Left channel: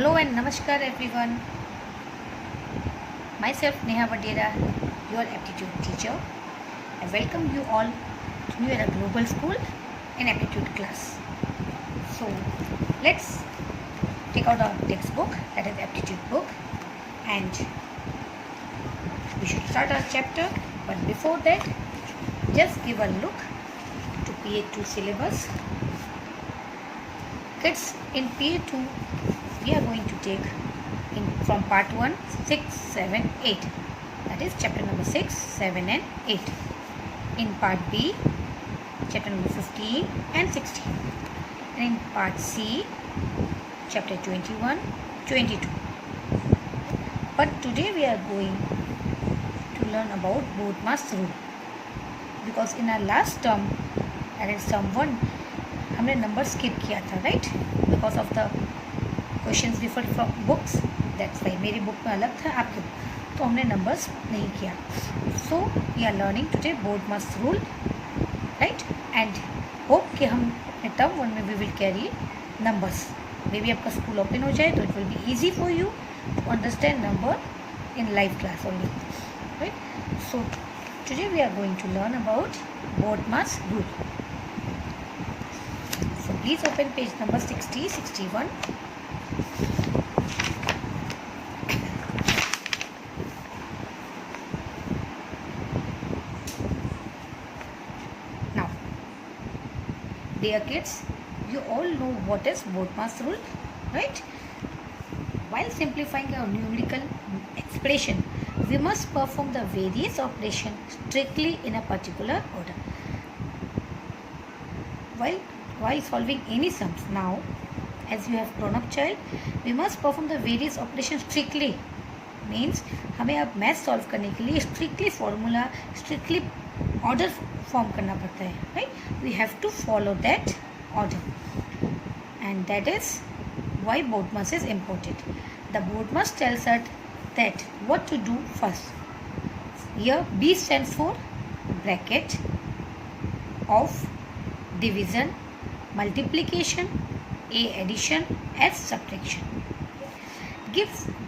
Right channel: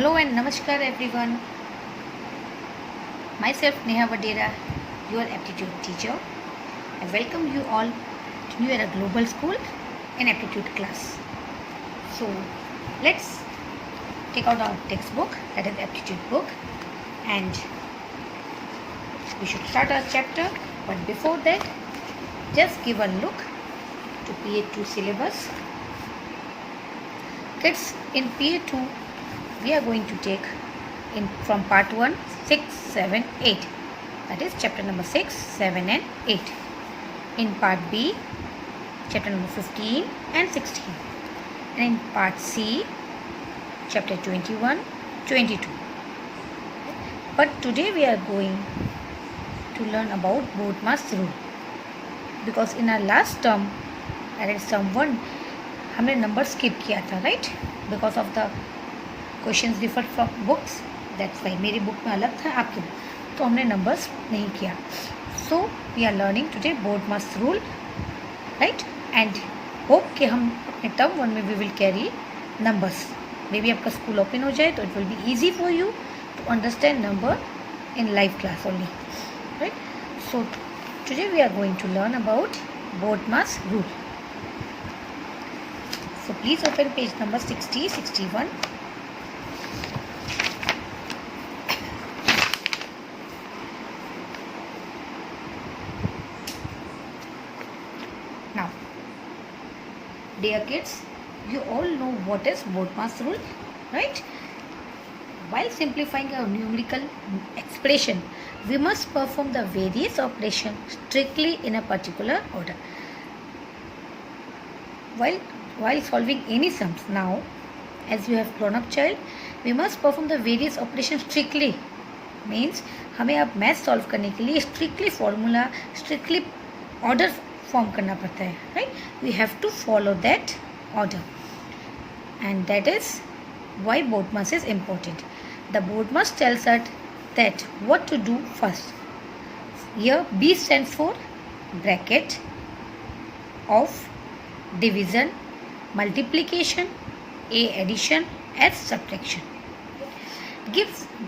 Hello and Namaskar everyone. Myself Neha Vadera, your aptitude teacher. I welcome you all to New Era Global School in aptitude class. So let's take out our textbook, that is aptitude book, and we should start our chapter. But before that, just give a look to PA2 syllabus. Kids, in PA2 we are going to take from part 1 6, 7, 8, that is chapter number 6, 7 and 8. In part B, chapter number 15 and 16, and in part C, chapter 21, 22. But today we are going to learn about Bodmas rule, because in our last term, that is term 1, हमने number skip किया था, right, because of the questions differ from books. That's why मेरी book में अलग था, आपकी book, तो हमने नंबर्स नहीं किया. So we are learning today BODMAS rule, right, and hope कि हम अपने टर्म 1 में we will carry numbers. May be आपका स्कूल ओपन हो जाए तो it will be easy for you to understand number in live class only, right. So today we are going to learn about BODMAS rule. So please open page number 60, 61. Now, dear kids, you all know what is Bodmas rule, right? While simplifying a numerical expression, we must perform the various operations strictly in a particular order. While solving any sums, now as you have grown up child, we must perform the various operations strictly. Means हमें अब math solve करने के लिए strictly formula, strictly order form करना पड़ता है, right. We have to follow that order, and that is why BODMAS is important. The BODMAS tells us that what to do first. Here B stands for bracket of division, multiplication, A addition, S subtraction.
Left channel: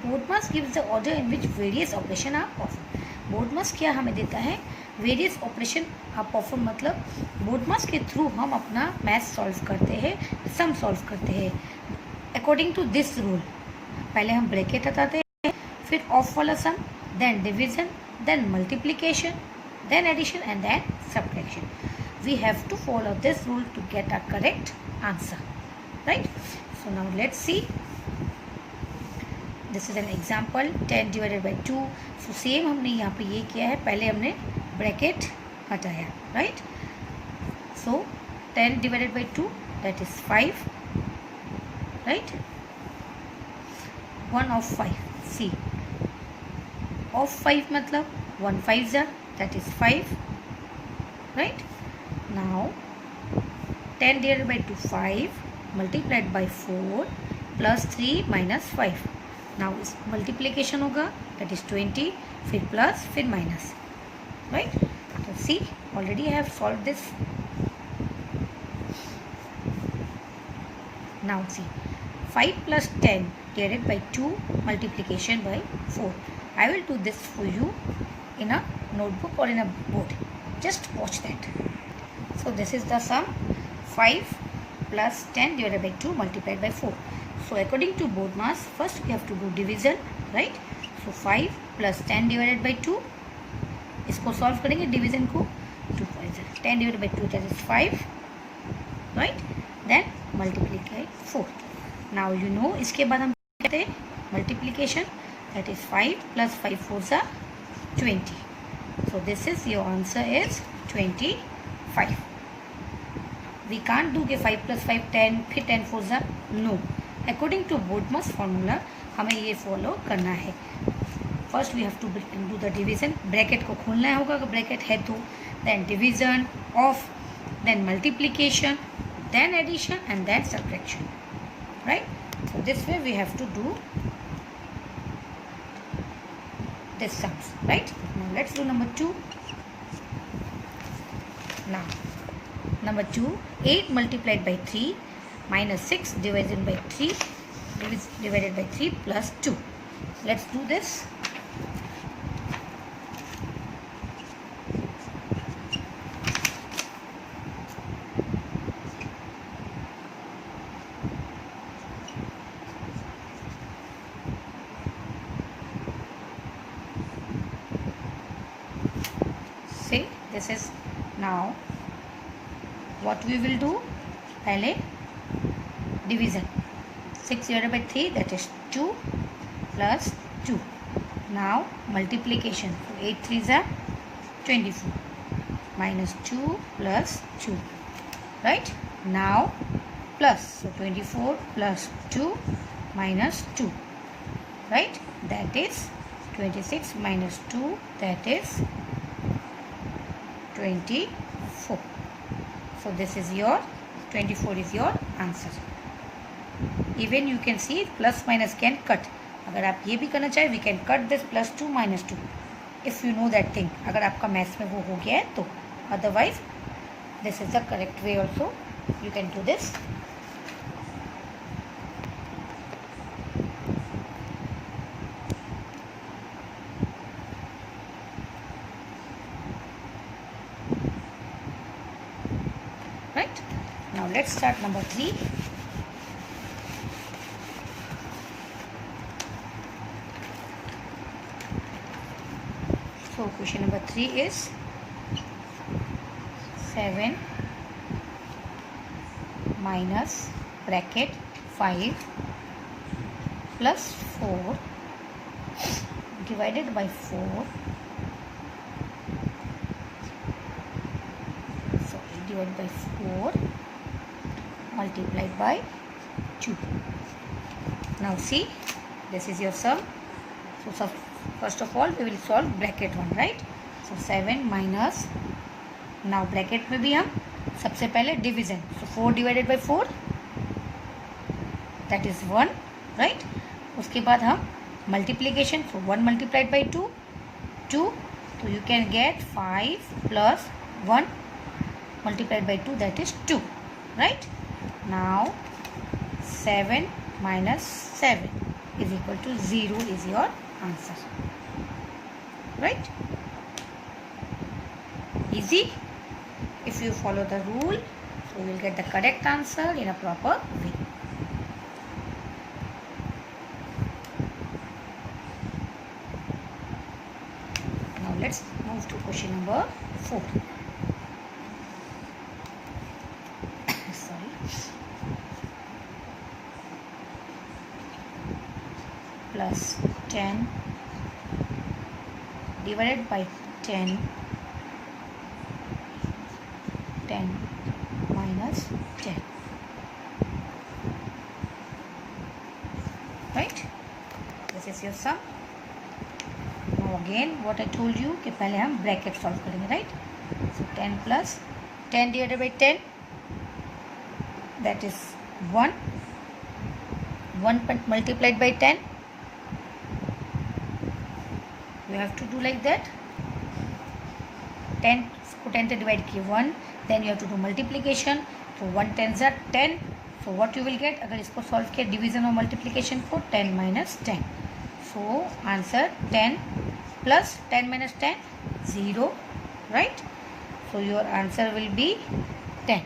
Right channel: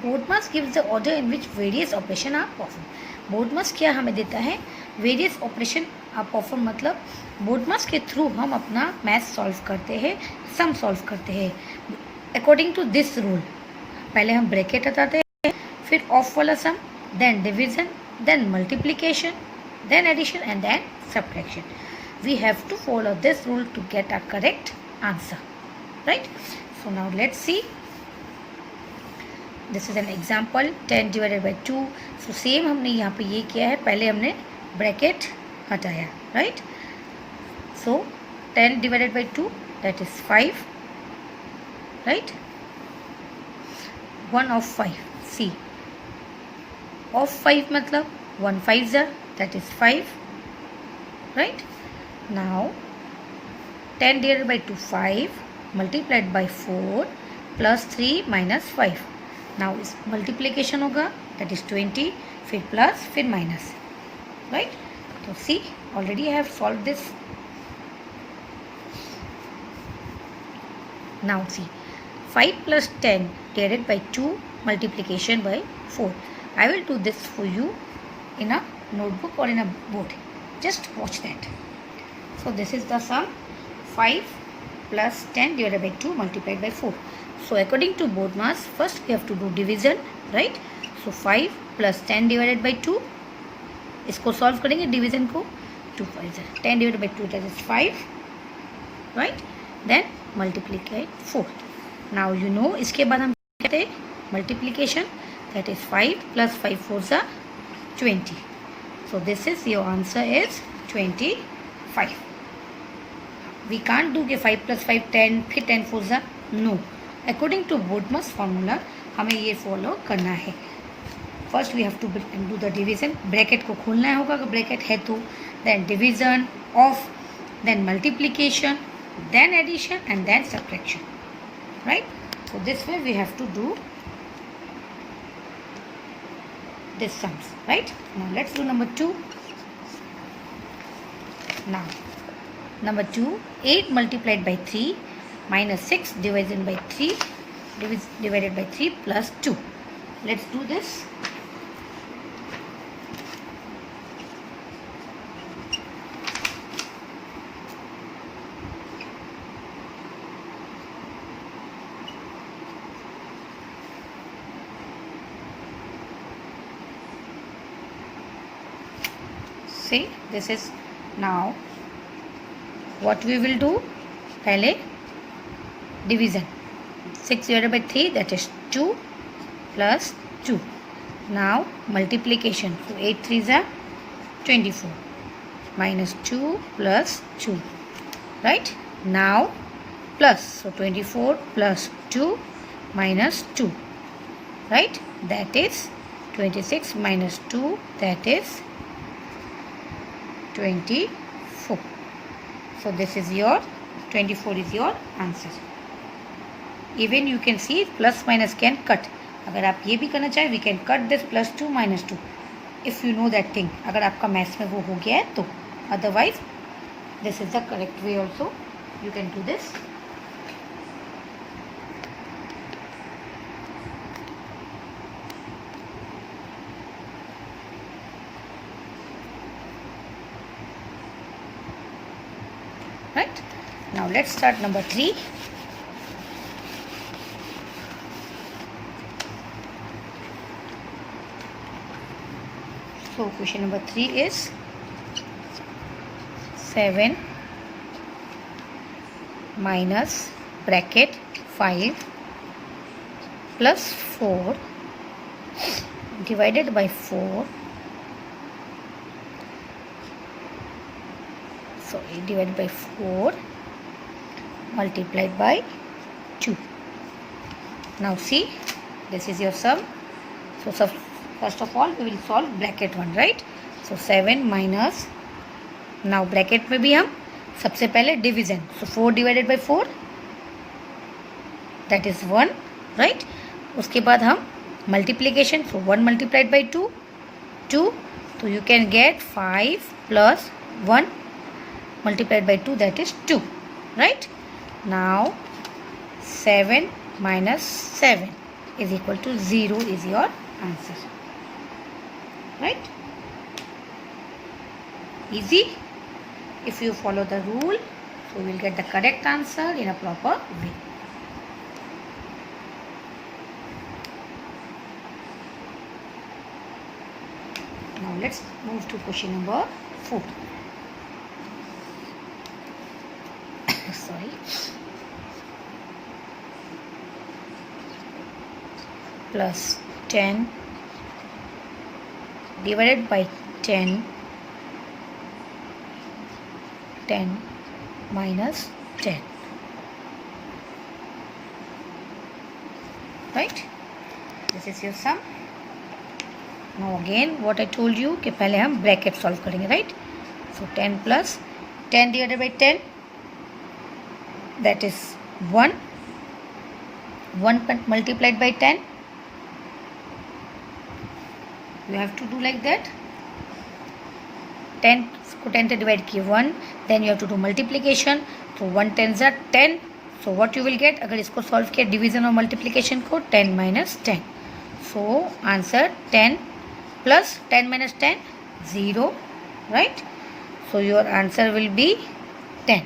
Bodmas gives the order in which various operation are performed. Bodmas क्या हमें देता है? Various operation are performed, मतलब Bodmas के through हम अपना math solve करते हैं, सम सॉल्व करते हैं. अकॉर्डिंग टू दिस रूल, पहले हम ब्रैकेट हटाते हैं, फिर ऑफ वाला sum, then division, then multiplication, then addition and then subtraction. We have to follow this rule to get a correct answer, right? So now let's see. This is an example, 10 divided by 2. So same हमने यहाँ पे ये किया है, पहले हमने bracket हटाया, right? So 10 divided by 2, that is 5, right? 1 of 5. See, of 5 मतलब 1 5s are, that is 5, right? Now 10 divided by 2, 5, multiplied by 4 plus 3 minus 5. Now इस multiplication होगा, that is 20, फिर plus फिर minus, right? So see, already I have solved this. Now see, 5 plus 10 divided by 2 multiplication by 4. I will do this for you in a notebook or in a board. Just watch that. So this is the sum, 5 plus 10 divided by 2 multiplied by 4. So according to Bodmas, first we have to do division, right? So 5 plus 10 divided by 2, इसको solve करेंगे division को. 2 5 10 divided by 2, that is 5, right? Then multiply 4. Now you know इसके बाद हम कहते हैं multiplication, that is 5 plus 5 4s are 20. So this is your answer is 25. We can't do के 5 plus 5 10, फिर 10 4s are, no. According to Bodmas formula हमें ये follow करना है. First we have to do the division, bracket को खोलना होगा अगर ब्रैकेट है तो, then division, of, then multiplication, then addition and then subtraction, right. So this way we have to do this sums, right. Now let's do number 2. Now number 2, 8 multiplied by 3 minus 6 divided by 3. divided by 3 plus 2. Let's do this. See, this is now what we will do. पहले division. 6 divided by 3, that is 2 plus 2. Now multiplication. So 8 3s are 24 minus 2 plus 2. Right? Now plus. So 24 plus 2 minus 2. Right? That is 26 minus 2. That is 24. So this is your 24 is your answer. Even you can see plus minus can cut. अगर आप ये भी करना चाहे we can cut this plus 2 minus 2 if you know that thing. अगर आपका maths में वो हो गया है तो otherwise this is the correct way also you can do this. Right? Now let's start number 3. So question number 3 is 7 minus bracket 5 plus 4 divided by 4. So divided by 4 multiplied by 2. Now see, this is your sum. So first of all we will solve bracket 1, right? So 7 minus, now bracket में भी हम सबसे पहले division. So 4 divided by 4, that is 1, right? उसके बाद हम multiplication. So 1 multiplied by 2, 2. So you can get 5 plus 1 multiplied by 2, that is 2, right? Now 7 minus 7 is equal to 0 is your answer, right? Easy. If you follow the rule, so you will get the correct answer in a proper way. Now let's move to question number 4. Sorry. Plus 10 divided by 10, 10 minus 10, right? This is your sum. Now again what I told you कि पहले हम bracket solve करेंगे, right? So 10 plus 10 divided by 10, that is 1. 1 multiplied by 10. You have to do like that. 10 को 10 से divide किए 1, then you have to do multiplication. So 1 10s are 10. So what you will get, अगर इसको solve किया division और multiplication को, 10 minus 10. So answer 10 plus 10 minus 10, 0, right? So your answer will be 10.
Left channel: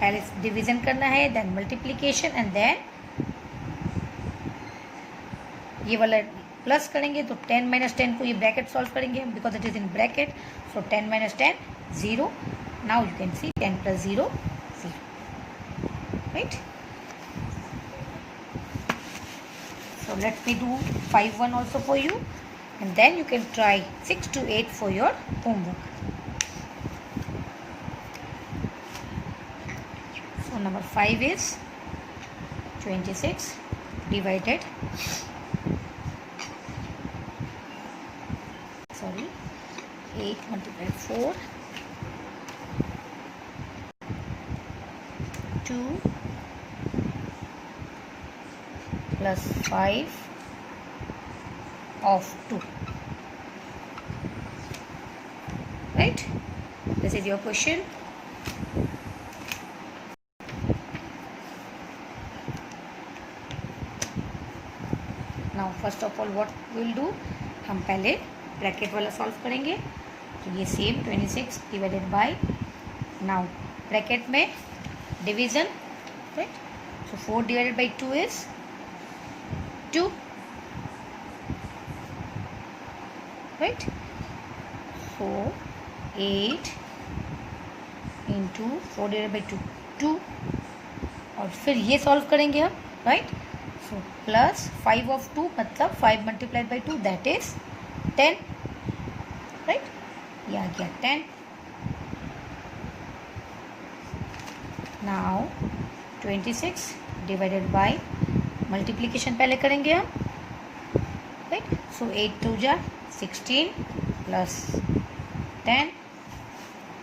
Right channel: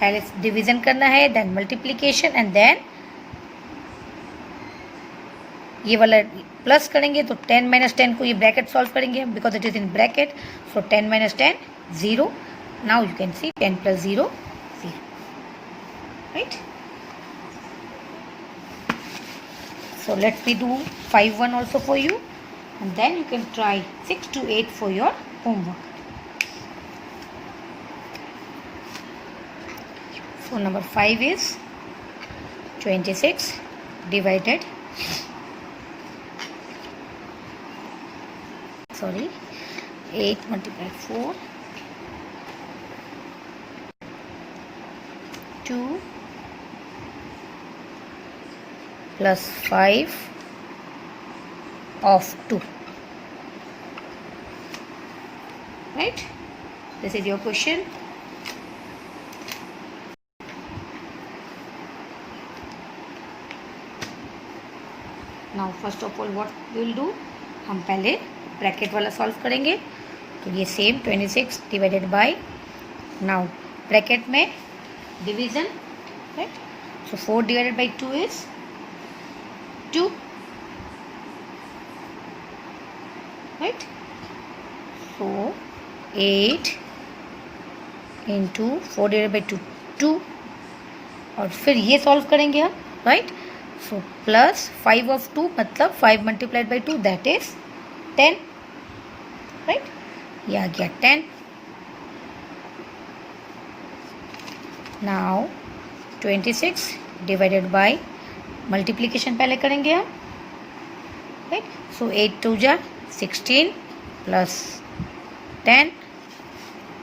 पहले division करना है, then multiplication, and then ये वाला प्लस करेंगे तो 10 minus 10 को ये ब्रैकेट सॉल्व करेंगे because it is in bracket. So 10 minus 10, 0. Now you can see 10 plus 0, 0, right? So let me do 5 1 also for you, and then you can try 6 to 8 for your homework. So number 5 is 26 divided 8 multiplied 4, 2 plus 5 of 2, right? This is your question. Now first of all what will do, हम पहले bracket वाला solve करेंगे. तो ये same 26 divided by, now bracket में division, right. So 4 divided by 2 is 2, right. So 8 into 4 divided by 2 2, और फिर ये सॉल्व करेंगे हम, राइट. सो प्लस 5 ऑफ 2 मतलब 5 multiplied by 2 that is 10, right. ये आ गया 10. नाउ 26 डिवाइडेड बाई मल्टीप्लीकेशन पहले करेंगे हम, राइट. सो 8 2 जा 16 plus 10,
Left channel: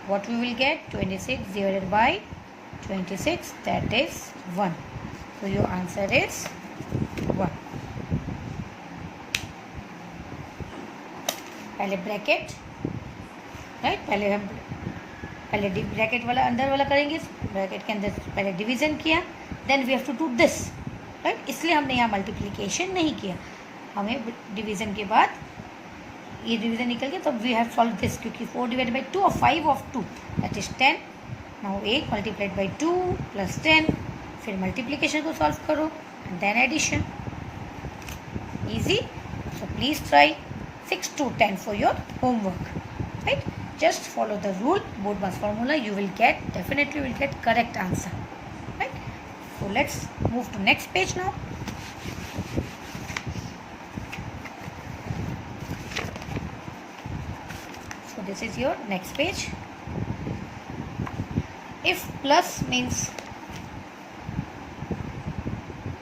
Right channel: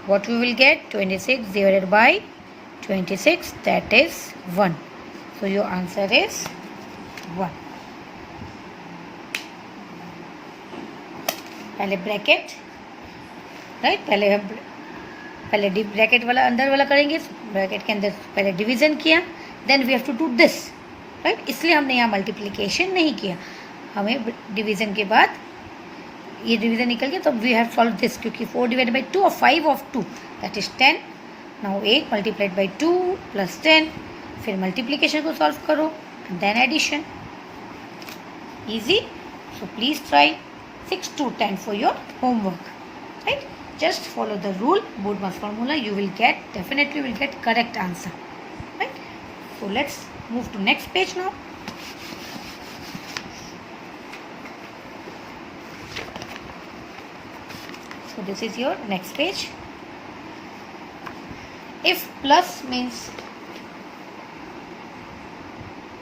what we will get, 26 divided by 26, that is 1. So your answer is 1. पहले ब्रैकेट, राइट. पहले ब्रैकेट वाला अंदर वाला करेंगे, ब्रैकेट के अंदर पहले डिवीजन किया, then we have to do this, right. इसलिए हमने यहाँ मल्टीप्लिकेशन नहीं किया, हमें डिवीजन के बाद ये डिवीजन निकल गया, तो वी हैव सॉल्व दिस, क्योंकि 4 डिवाइड बाई 2 और 5 of 2 that is 10. Now 8 multiplied by 2 plus 10, फिर मल्टीप्लिकेशन को सॉल्व करो and then addition. Easy. So please try 6 to 10 for your homework, right. Just follow the rule, BODMAS formula, you will get, definitely will get correct answer, right. So let's move to next page now. So this is your next page. If plus means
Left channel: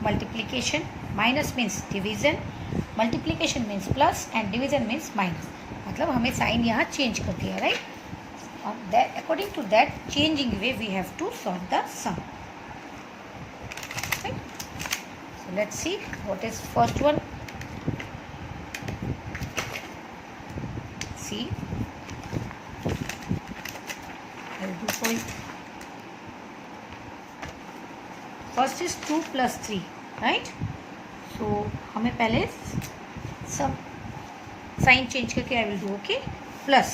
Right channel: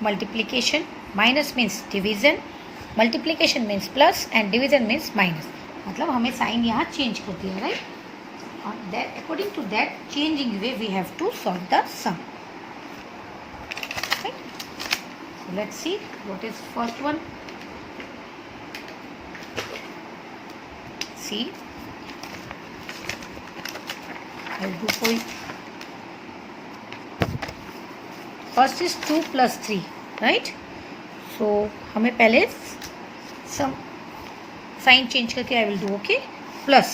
multiplication, minus means division, multiplication means plus and division means minus, मतलब हमें sign यहाँ change कर दिया, right. और that according to that changing way we have to solve the sum, right. So let's see what is first one. See I'll do for you. First is 2 plus 3, right. So हमें पहले सम sign change करके I will do, okay. Plus,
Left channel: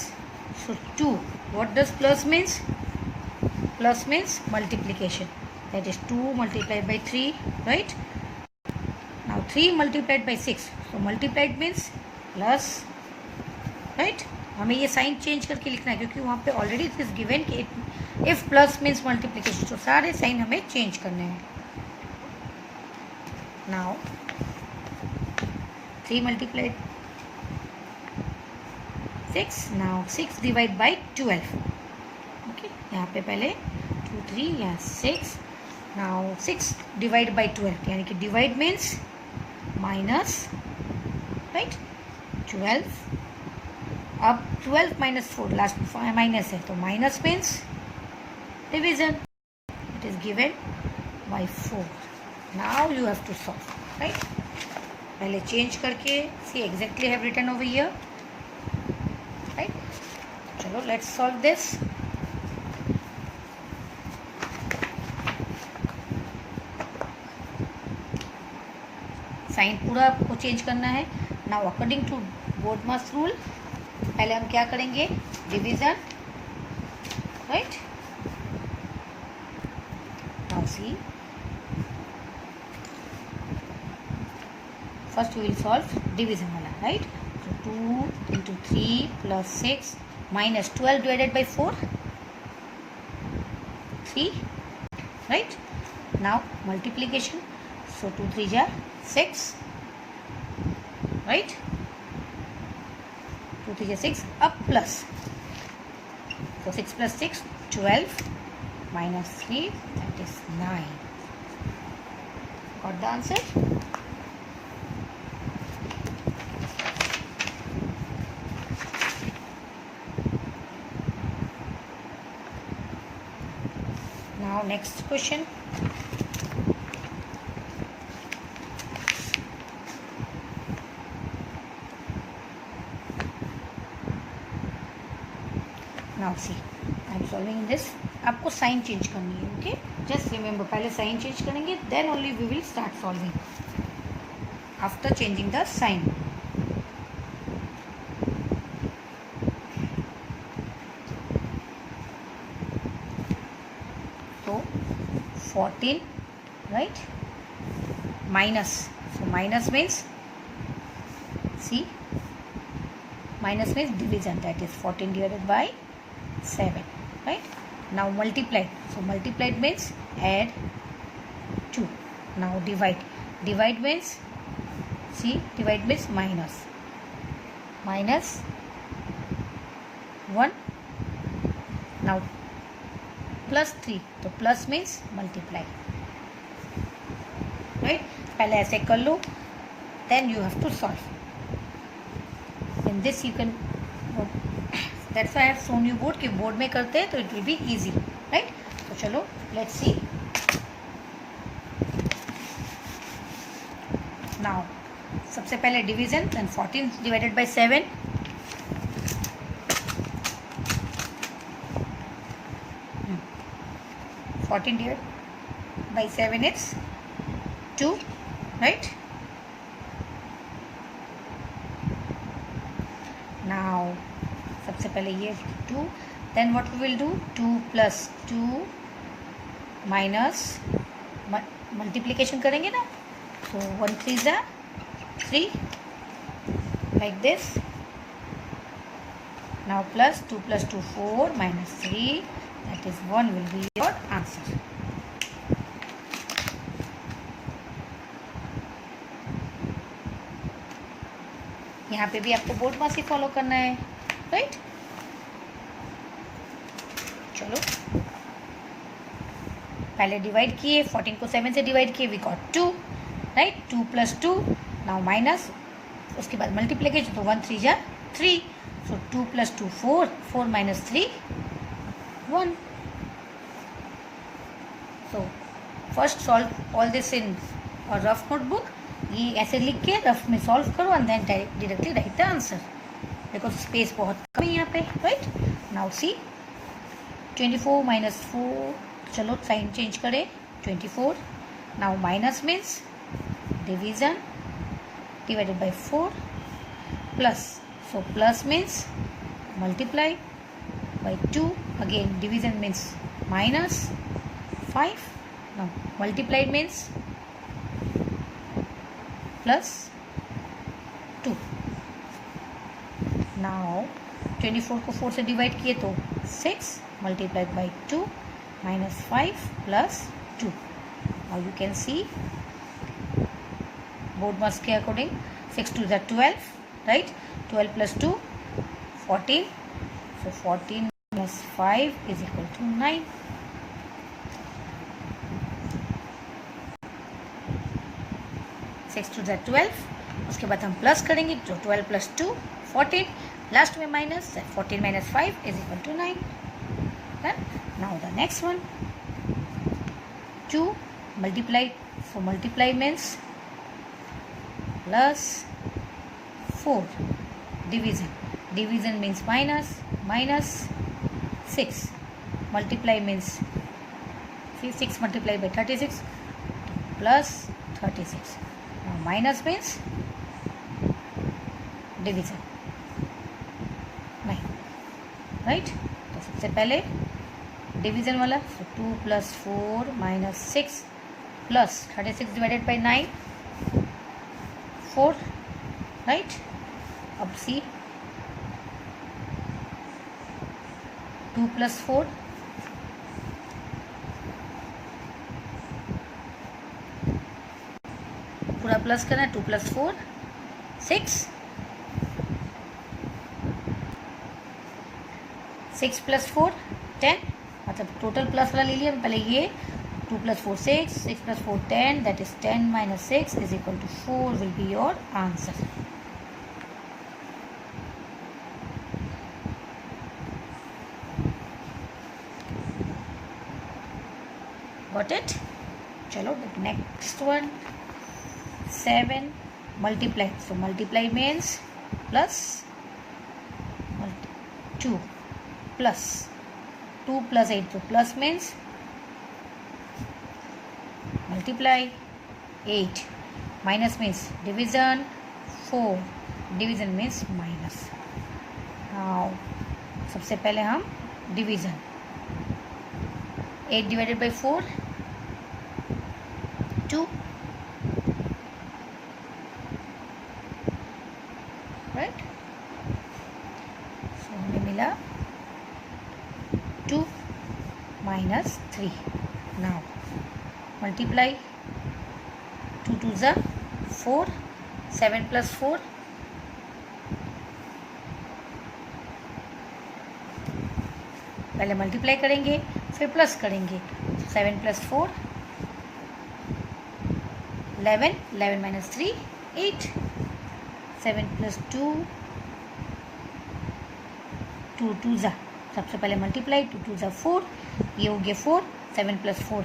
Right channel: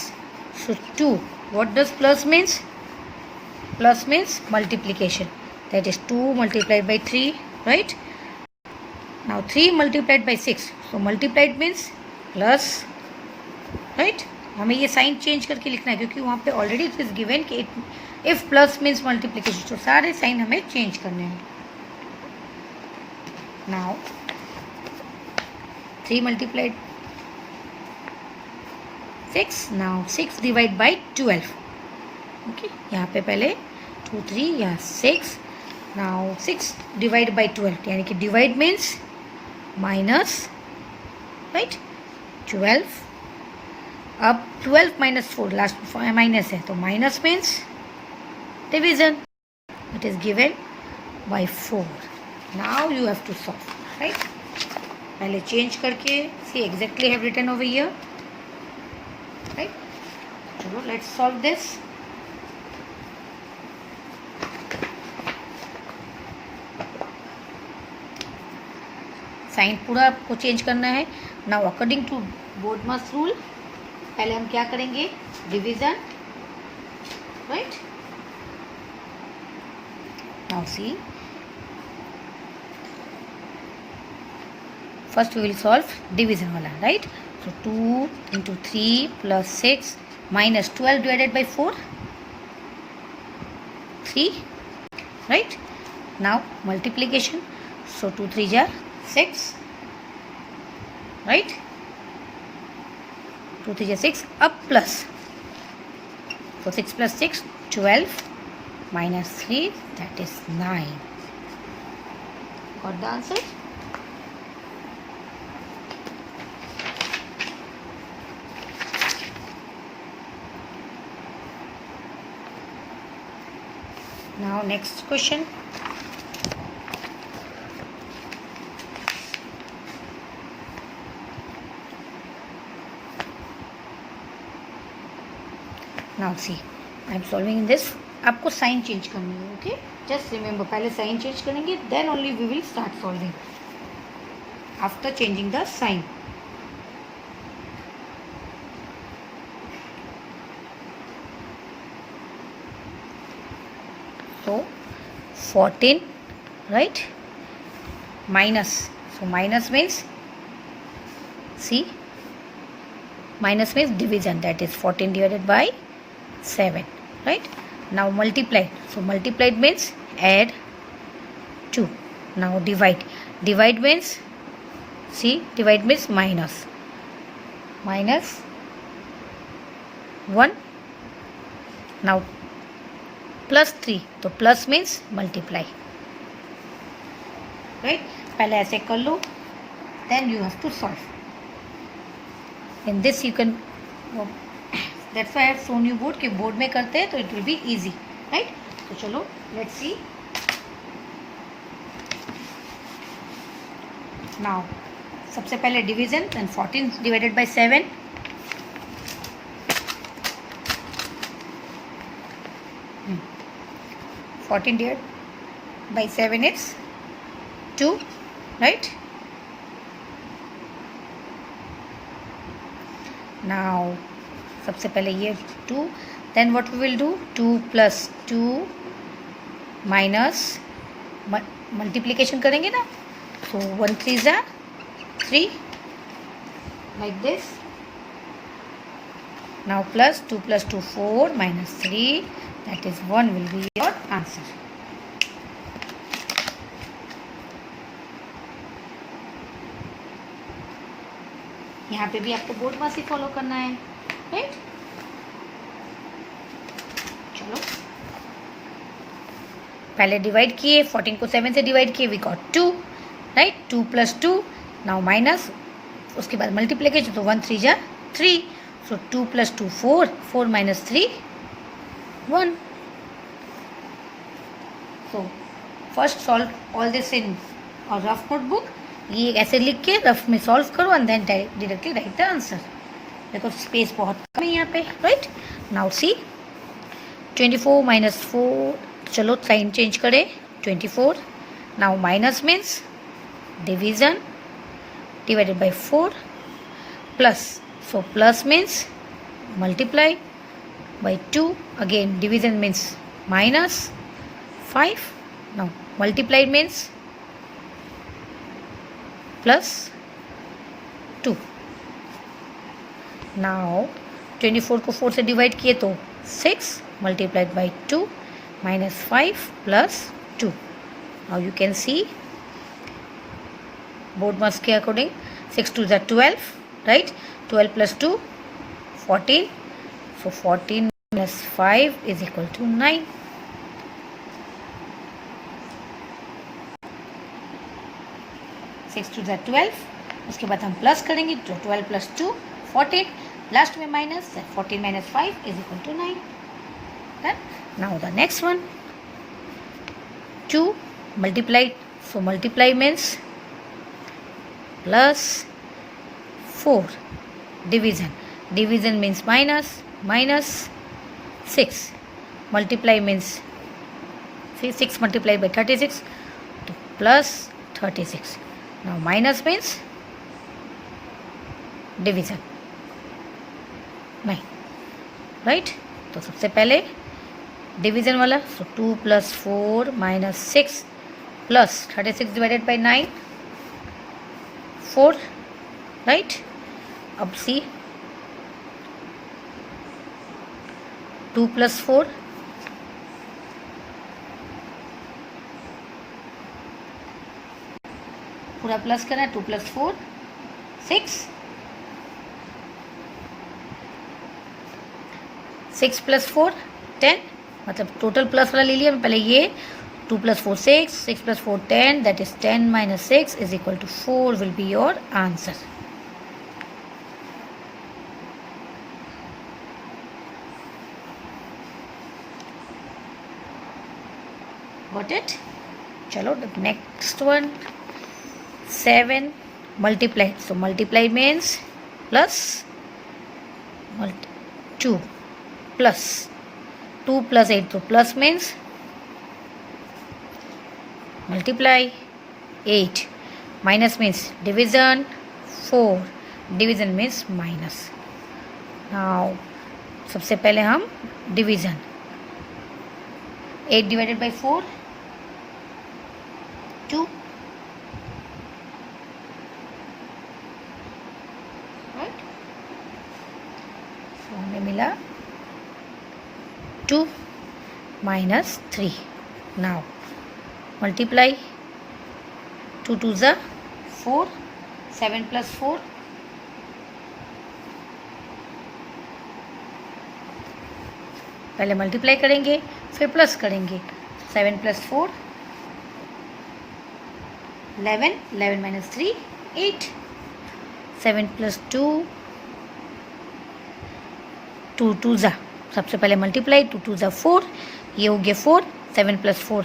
so 2, what does plus means? Plus means multiplication, that is 2 multiplied by 3, right. Now 3 multiplied by 6, so multiplied means plus, right. हमें ये sign change करके लिखना है, क्योंकि वहाँ पे ऑलरेडी इट इज गिवन कि if plus means multiplication, तो सारे साइन हमें चेंज करने हैं. Now 3 multiplied 6, now 6 divide by 12, okay. यहाँ पे पहले 2 3 या 6, नाउ 6 डिवाइड बाई 12, यानी कि डिवाइड मीन्स माइनस, राइट. 12, अब 12 माइनस 4, लास्ट माइनस है, तो minus means division, it is given by 4. Now you have to solve, right. पहले चेंज करके see exactly have written over here, right. चलो let's solve this. Sign पूरा आपको change करना है. Now according to BODMAS rule पहले हम क्या करेंगे, division, right. Now see, first we will solve division वाला, right. So 2 into 3 plus 6 minus 12 divided by 4, 3, right. Now multiplication, सो 2 3 जा 6, राइट. 2 3 6, अब प्लस, तो 6 plus 6 12 minus 3 that is 9. Got the answer? Now next question. Now see, I am solving in this. आपको sign change करनी है, okay. Just remember, पहले sign change करेंगे, then only we will start solving. after changing the sign. So 14, right, minus, so minus means, see, minus means division, that is 14 divided by 7, right. Now multiplied, so multiplied means add 2. Now divide, divide means, see, divide means minus, minus 1. Now plus 3, तो plus means multiply, right. पहले ऐसे कर लो, then you have to solve. In this you can, that's why I have shown you board, कि board में करते हैं तो it will be easy, right. तो चलो लेट्स सी. नाउ सबसे पहले division, then 14 divided by 7. 14 divided by 7 is 2, right. Now सबसे पहले ये 2, then what we will do, 2 plus 2 minus multiplication करेंगे ना, so 1 3s are 3, like this. Now plus 2 plus 2 4 minus 3, that is 1 will be your answer. यहाँ पे भी आपको board मास ही follow करना है, राइट. चलो पहले डिवाइड किए, 14 को 7 से डिवाइड किए, we got 2, right. 2 plus 2, now minus, उसके बाद मल्टीप्लिकेशन, तो 1 3 जा 3, so 2 plus 2 4, 4 minus 3 1. So first solve all this in our rough notebook, ये ऐसे लिख के रफ में सॉल्व करो and then directly write the answer. देखो स्पेस बहुत कम है यहाँ पे, राइट. नाउ सी 24 minus 4, चलो साइन चेंज करें, 24. Now minus means division, divided by 4, plus, so plus means multiply by 2, again division means minus 5. Now multiplied means plus 2. Now 24 को 4 से डिवाइड किए तो 6 multiplied by 2 minus 5 plus 2. Now you can see board mass के according 6 2 is 12, right. 12 plus 2 14. So 14 minus 5 is equal to 9. Six two ज़ा 12, उसके बाद हम plus करेंगे, तो 12 plus 2 14, लास्ट में minus, 14 minus 5 is equal to 9. Done. Now the next one, 2 multiplied, so multiply means plus 4, division, division means minus, minus 6, multiply means, see, 6 multiplied by 36, तो plus 36. Now minus means division, 9, right. तो सबसे पहले division वाला, सो 2 plus 4 minus 6 plus 36 divided by 9, 4, right. अब सी 2 plus 4, पूरा plus करना है, 2 plus 4 6, 6 plus 4 10, मतलब टोटल प्लस वाला ले लिया पहले ये. 2 plus 4 6, 6 plus 4 10, that is 10 minus 6 is equal to 4 will be your answer. Got it? चलो the next one, 7 multiplied, so multiply means plus 2 plus 2 plus 8, so plus means multiply 8, Minus means division. 4 division means minus. Now सबसे पहले हम division. 8 divided by 4 2. Right? So हमें मिला 2 minus 3. Now multiply. 2 2s are 4. 7 plus 4. पहले multiply करेंगे फिर plus करेंगे. 7 plus 4 11. 11 minus 3 8. 7 plus 2 2 2s are. सबसे पहले मल्टीप्लाई. 2 2s are 4. ये हो गया 4. 7 plus 4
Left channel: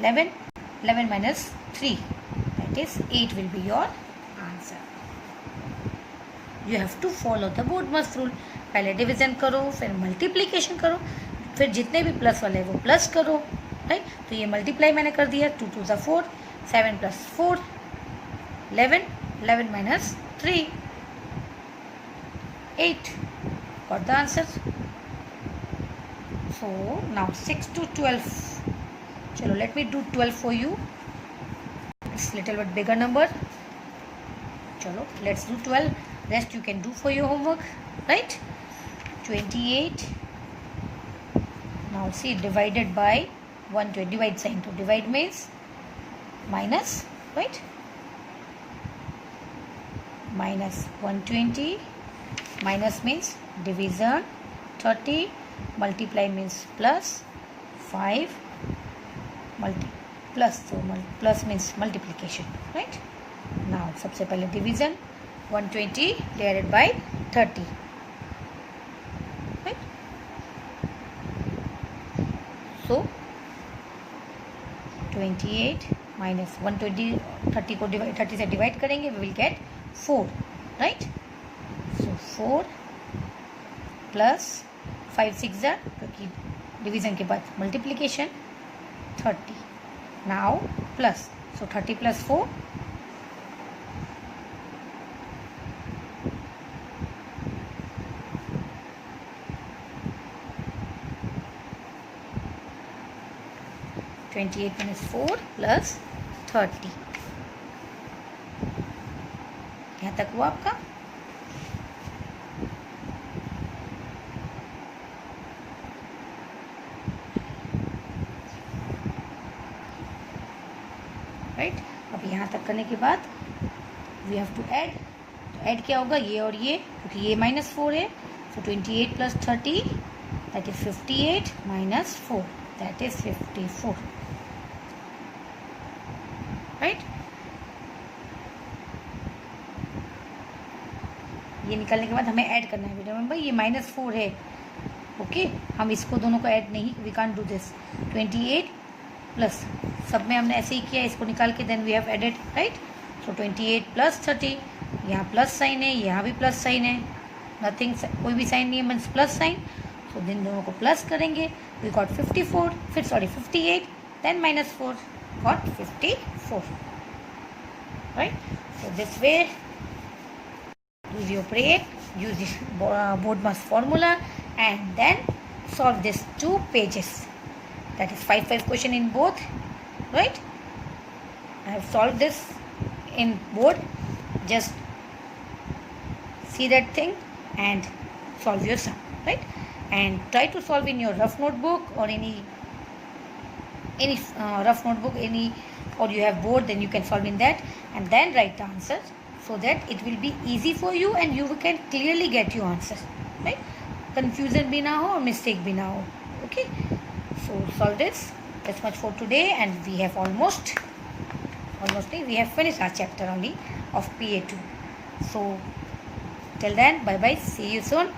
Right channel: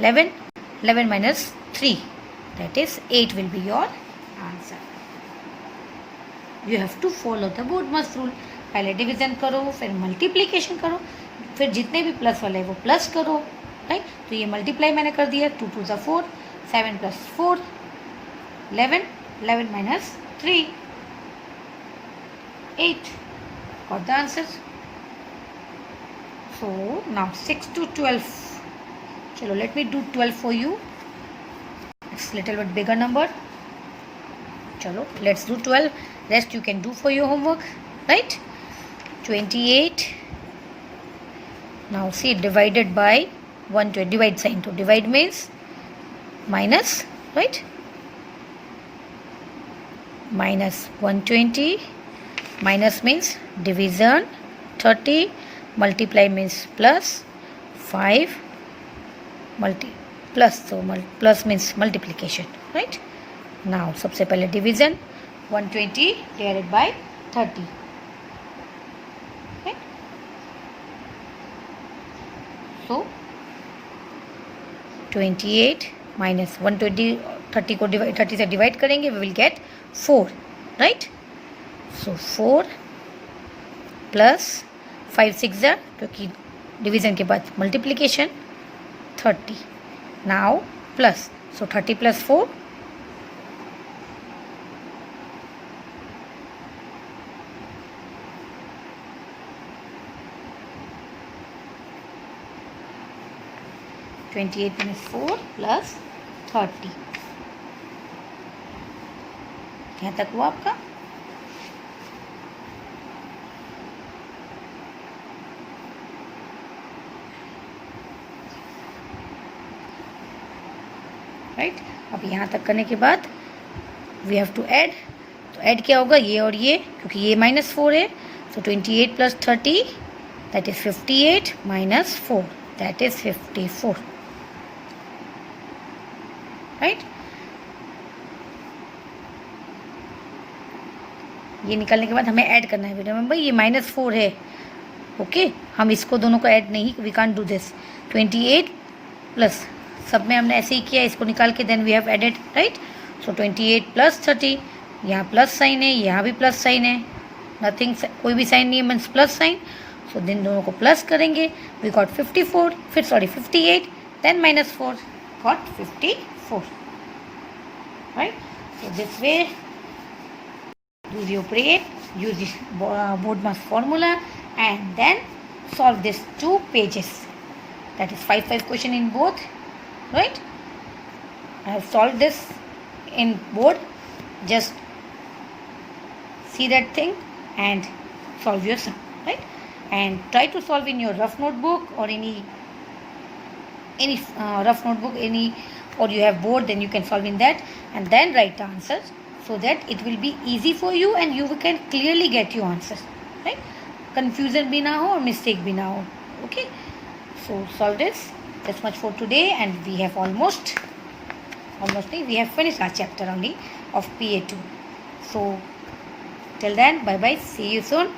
11. 11 minus 3 that is 8 will be your answer. You have to follow the BODMAS rule. पहले डिवीजन करो फिर मल्टीप्लिकेशन करो फिर जितने भी प्लस वाले वो प्लस करो. राइट. तो ये मल्टीप्लाई मैंने कर दिया. 2 2s are 4. 7 plus 4 11. 11 minus 3 8. Got the answer. So now 6 to 12. Chalo, let me do 12 for you. It's little bit bigger number. Chalo, let's do 12. Rest you can do for your homework. Right? 28. Now see, divided by 120. Divide sign. To divide means minus. Right? Minus 120. Minus means division. 30. Multiply means plus. 5. Plus. So plus means multiplication. Right? Now सबसे पहले division. 120 divided by 30. Right? So 28 minus 120. 30 को divide 30 से divide करेंगे we will get 4. Right? So 4 plus 5 6 है क्योंकि division के बाद multiplication 30. Now plus. So 30 plus 4 28 minus 4 plus 30. यहाँ तक हुआ आपका. राइट. अब यहाँ तक करने के बाद वी हैव टू ऐड. तो ऐड क्या होगा ये और ये क्योंकि ये -4 है. सो 28 plus 30 that is 58 minus 4 that is 54. Right. ये निकालने के बाद हमें ऐड करना है. रिमेंबर ये -4 है. ओके हम इसको दोनों को ऐड नहीं. We can't do this. 28 plus सब में हमने ऐसे ही किया. इसको निकाल के then we have added. Right. So 28 plus 30. यहाँ प्लस साइन है यहाँ भी प्लस साइन है. नथिंग कोई भी साइन नहीं है मीन्स प्लस साइन. सो दिन दोनों को प्लस करेंगे. We got 54. फिर sorry 58 then -4 got 54. Right. So this way use your brain, use this BODMAS formula and then solve these 2 pages. That is 5 question in both. Right. I have solved this in board. Just see that thing and solve your sum. Right. And try to solve in your rough notebook or any rough notebook or you have board, then you can solve in that and then write the answers so that it will be easy for you and you can clearly get your answers. Right. Confusion भी ना हो और mistake भी ना हो. Okay. So solve this. That's much for today and we have almost we have finished our chapter only of PA2. So till then, bye bye, see you soon.